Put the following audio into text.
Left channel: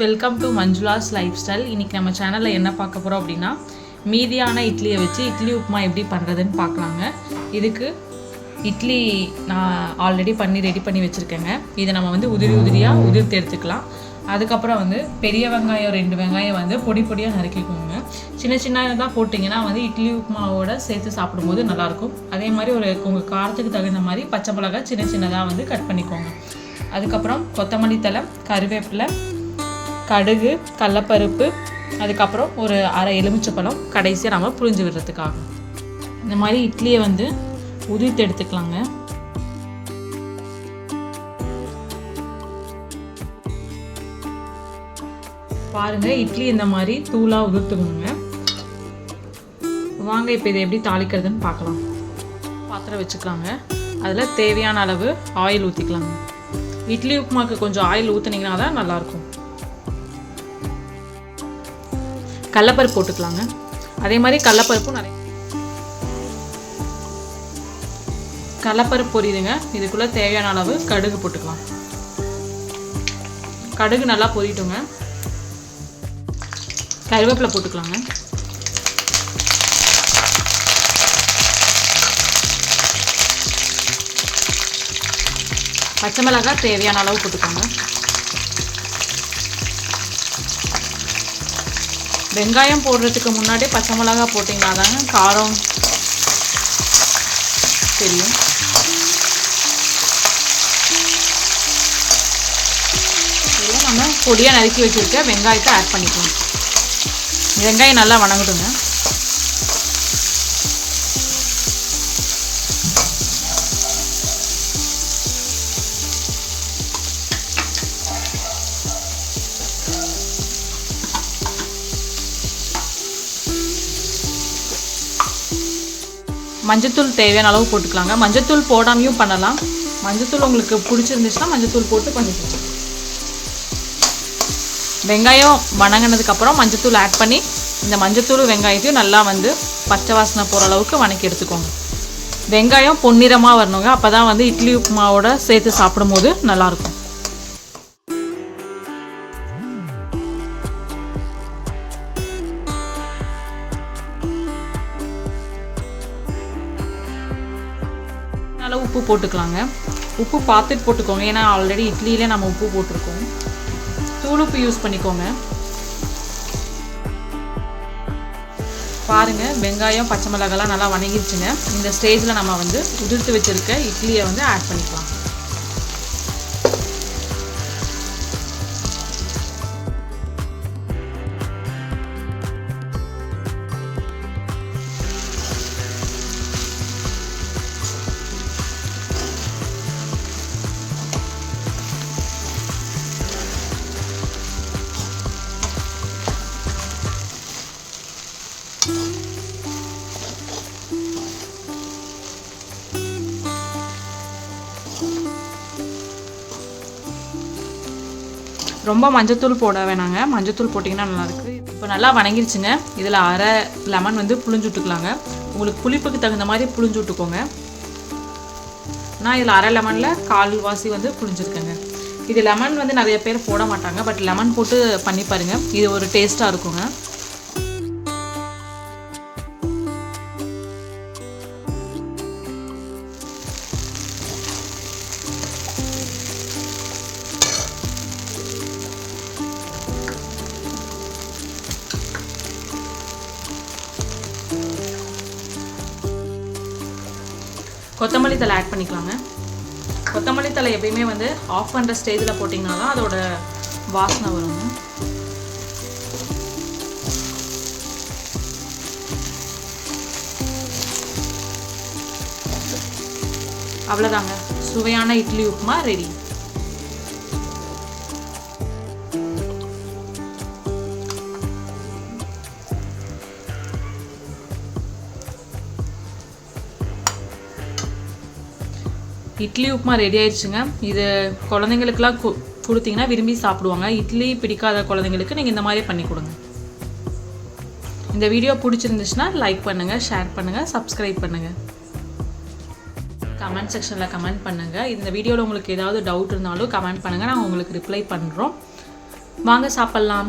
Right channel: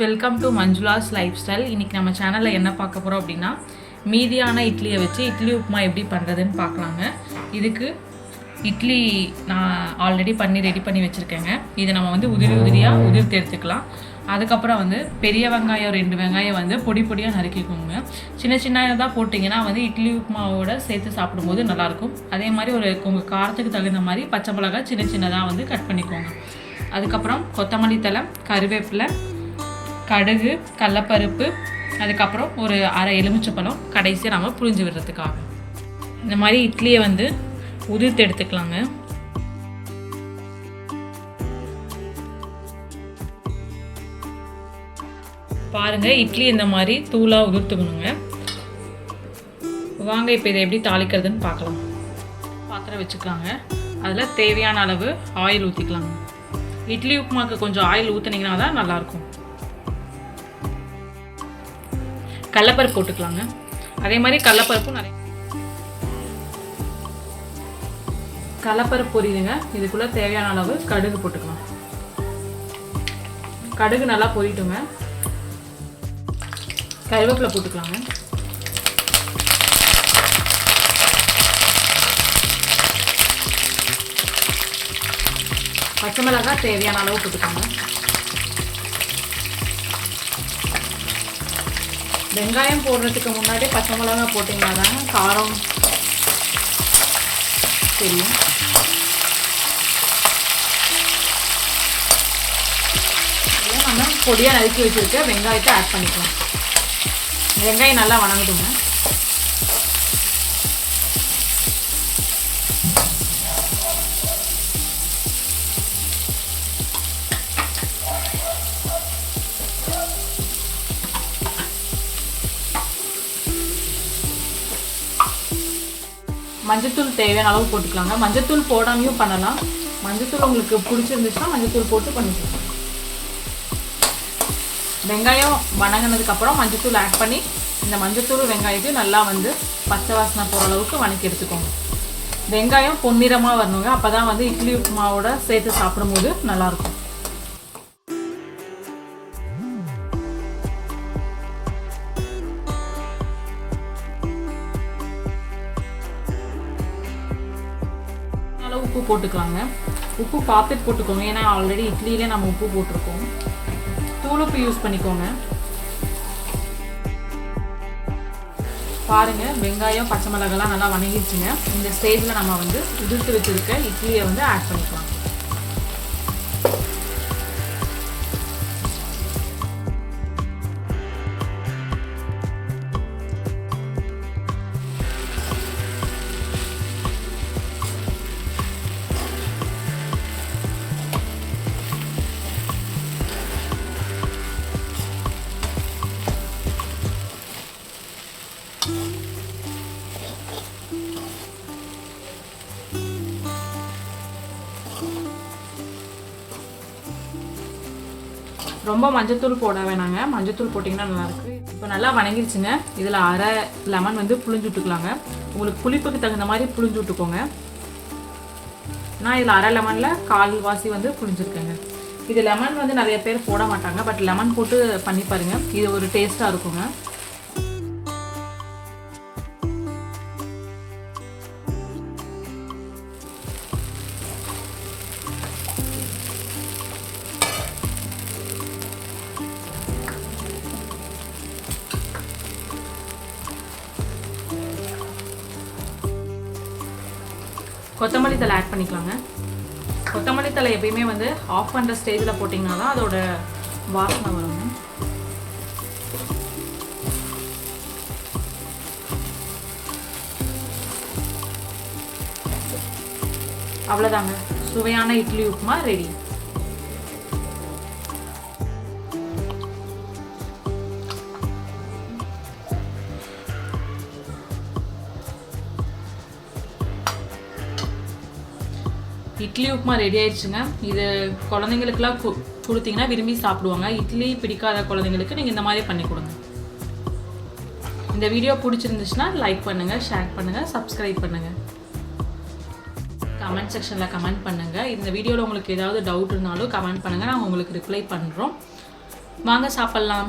Welcome to Manjula's life style. இன்றைக்கி நம்ம சேனலில் என்ன பார்க்க போகிறோம் அப்படின்னா, மீதியான இட்லியை வச்சு இட்லி உப்புமா எப்படி பண்ணுறதுன்னு பார்க்கலாங்க. இதுக்கு இட்லி நான் ஆல்ரெடி ரெடி பண்ணி வச்சுருக்கேங்க. இதை நம்ம உதிரியாக உதிர்த்து எடுத்துக்கலாம். அதுக்கப்புறம் பெரிய வெங்காயம் 2 வெங்காயம் பொடி பொடியாக நறுக்கிக்கோங்க. சின்ன சின்னதாக போட்டிங்கன்னா இட்லி உப்புமாவோட சேர்த்து சாப்பிடும்போது நல்லாயிருக்கும். அதே மாதிரி உங்கள் காரத்துக்கு தகுந்த மாதிரி பச்சை மிளகாய் சின்ன சின்னதாக கட் பண்ணிக்கோங்க. அதுக்கப்புறம் கொத்தமல்லி தழை, கருவேப்பிலை, கடுகு, கடலப்பருப்பு, அதுக்கப்புறம் ஒரு அரை எலுமிச்சப்பழம் கடைசியாக நம்ம புழிஞ்சு விடுறதுக்காக. இந்த மாதிரி இட்லியை உதிர்த்து எடுத்துக்கலாங்க. பாருங்கள், இட்லி இந்த மாதிரி தூளாக உதிர்த்துக்கணுங்க. வாங்க இப்போ இதை எப்படி தாளிக்கிறதுன்னு பார்க்கலாம். பாத்திரம் வச்சுக்கலாங்க. அதில் தேவையான அளவு ஆயில் ஊற்றிக்கலாங்க. இட்லி உப்புமாக்கு கொஞ்சம் ஆயில் ஊற்றினீங்கன்னா தான் நல்லாயிருக்கும். கடலப்பருப்பு போட்டுக்கலாங்க. அதே மாதிரி கடலப்பருப்பும் கடலப்பருப்பு பொரியுதுங்க. இதுக்குள்ளே தேவையான அளவு கடுகு போட்டுக்கலாம். கடுகு நல்லா பொரிட்டுங்க. கருவேப்பிலை போட்டுக்கலாங்க. பச்சை மிளகாய் தேவையான அளவு போட்டுக்கோங்க. வெங்காயம் போடுறதுக்கு முன்னாடி பச்சை மிளகாய் போட்டிங்கன்னா தாங்க காரம் தெரியும். நம்ம பொடியாக நறுக்கி வச்சுருக்க வெங்காயத்தை ஆட் பண்ணிக்கணும். வெங்காயம் நல்லா வணங்குதுங்க. மஞ்சத்தூள் தேவையான அளவு போட்டுக்கலாங்க. மஞ்சத்தூள் போடாமையும் பண்ணலாம். மஞ்சத்தூள் உங்களுக்கு பிடிச்சிருந்துச்சுன்னா மஞ்சத்தூள் போட்டு பண்ணிக்கலாம். வெங்காயம் வணங்கினதுக்கப்புறம் மஞ்சத்தூள் ஆட் பண்ணி இந்த மஞ்சத்தூள் வெங்காயத்தையும் நல்லா பச்சை வாசனை போகிற அளவுக்கு வணக்கி எடுத்துக்கோங்க. வெங்காயம் பொன்னிறமாக வரணுங்க. அப்போ தான் இட்லி உப்புமாவோட சேர்த்து சாப்பிடும்போது நல்லாயிருக்கும். உப்பு போட்டுக்கலாங்க. உப்பு பார்த்துட்டு போட்டுக்கோங்க. ஏன்னா ஆல்ரெடி இட்லியிலே நம்ம உப்பு போட்டிருக்கோம். தூள் உப்பு யூஸ் பண்ணிக்கோங்க. பாருங்கள், வெங்காயம் பச்சை மிளகாலாம் நல்லா வணங்கிடுச்சுங்க. இந்த ஸ்டேஜில் நம்ம உதிர்த்து வச்சுருக்க இட்லியை ஆட் பண்ணிக்கலாம். ரொம்ப மஞ்சத்தூள் போட வேணாங்க. மஞ்சத்தூள் போட்டிங்கன்னா நல்லாயிருக்கு. இப்போ நல்லா வணங்கிடுச்சுங்க. இதில் அரை லெமன் புளிஞ்சு விட்டுக்கலாங்க. உங்களுக்கு புளிப்புக்கு தகுந்த மாதிரி புளிஞ்சு விட்டுக்கோங்க. நான் இதில் அரை லெமனில் கால்வாசி புளிஞ்சிருக்கேங்க. இது லெமன் நிறைய பேர் போட மாட்டாங்க. பட் லெமன் போட்டு பண்ணி பாருங்கள். இது ஒரு டேஸ்ட்டாக இருக்குங்க. கொத்தமல்லி தழை ஆட் பண்ணிக்கலாங்க. கொத்தமல்லி தழை எப்பயுமே ஆஃப் பண்ணுற ஸ்டேஜில் போட்டிங்கன்னா தான் அதோட வாசனை வரும். அவ்வளோதாங்க, சுவையான இட்லி உப்புமா ரெடி. இட்லி உப்புமா ரெடி ஆயிடுச்சுங்க. இது குழந்தைங்களுக்குலாம் கொடுத்தீங்கன்னா விரும்பி சாப்பிடுவாங்க. இட்லி பிடிக்காத குழந்தைங்களுக்கு நீங்கள் இந்த மாதிரி பண்ணி கொடுங்க. இந்த வீடியோ பிடிச்சிருந்துச்சுன்னா லைக் பண்ணுங்கள், ஷேர் பண்ணுங்கள், சப்ஸ்கிரைப் பண்ணுங்கள். கமெண்ட் செக்ஷனில் கமெண்ட் பண்ணுங்கள். இந்த வீடியோவில் உங்களுக்கு ஏதாவது டவுட் இருந்தாலும் கமெண்ட் பண்ணுங்கள். நான் உங்களுக்கு ரிப்ளை பண்ணுறோம். வாங்க சாப்பிட்லாம்.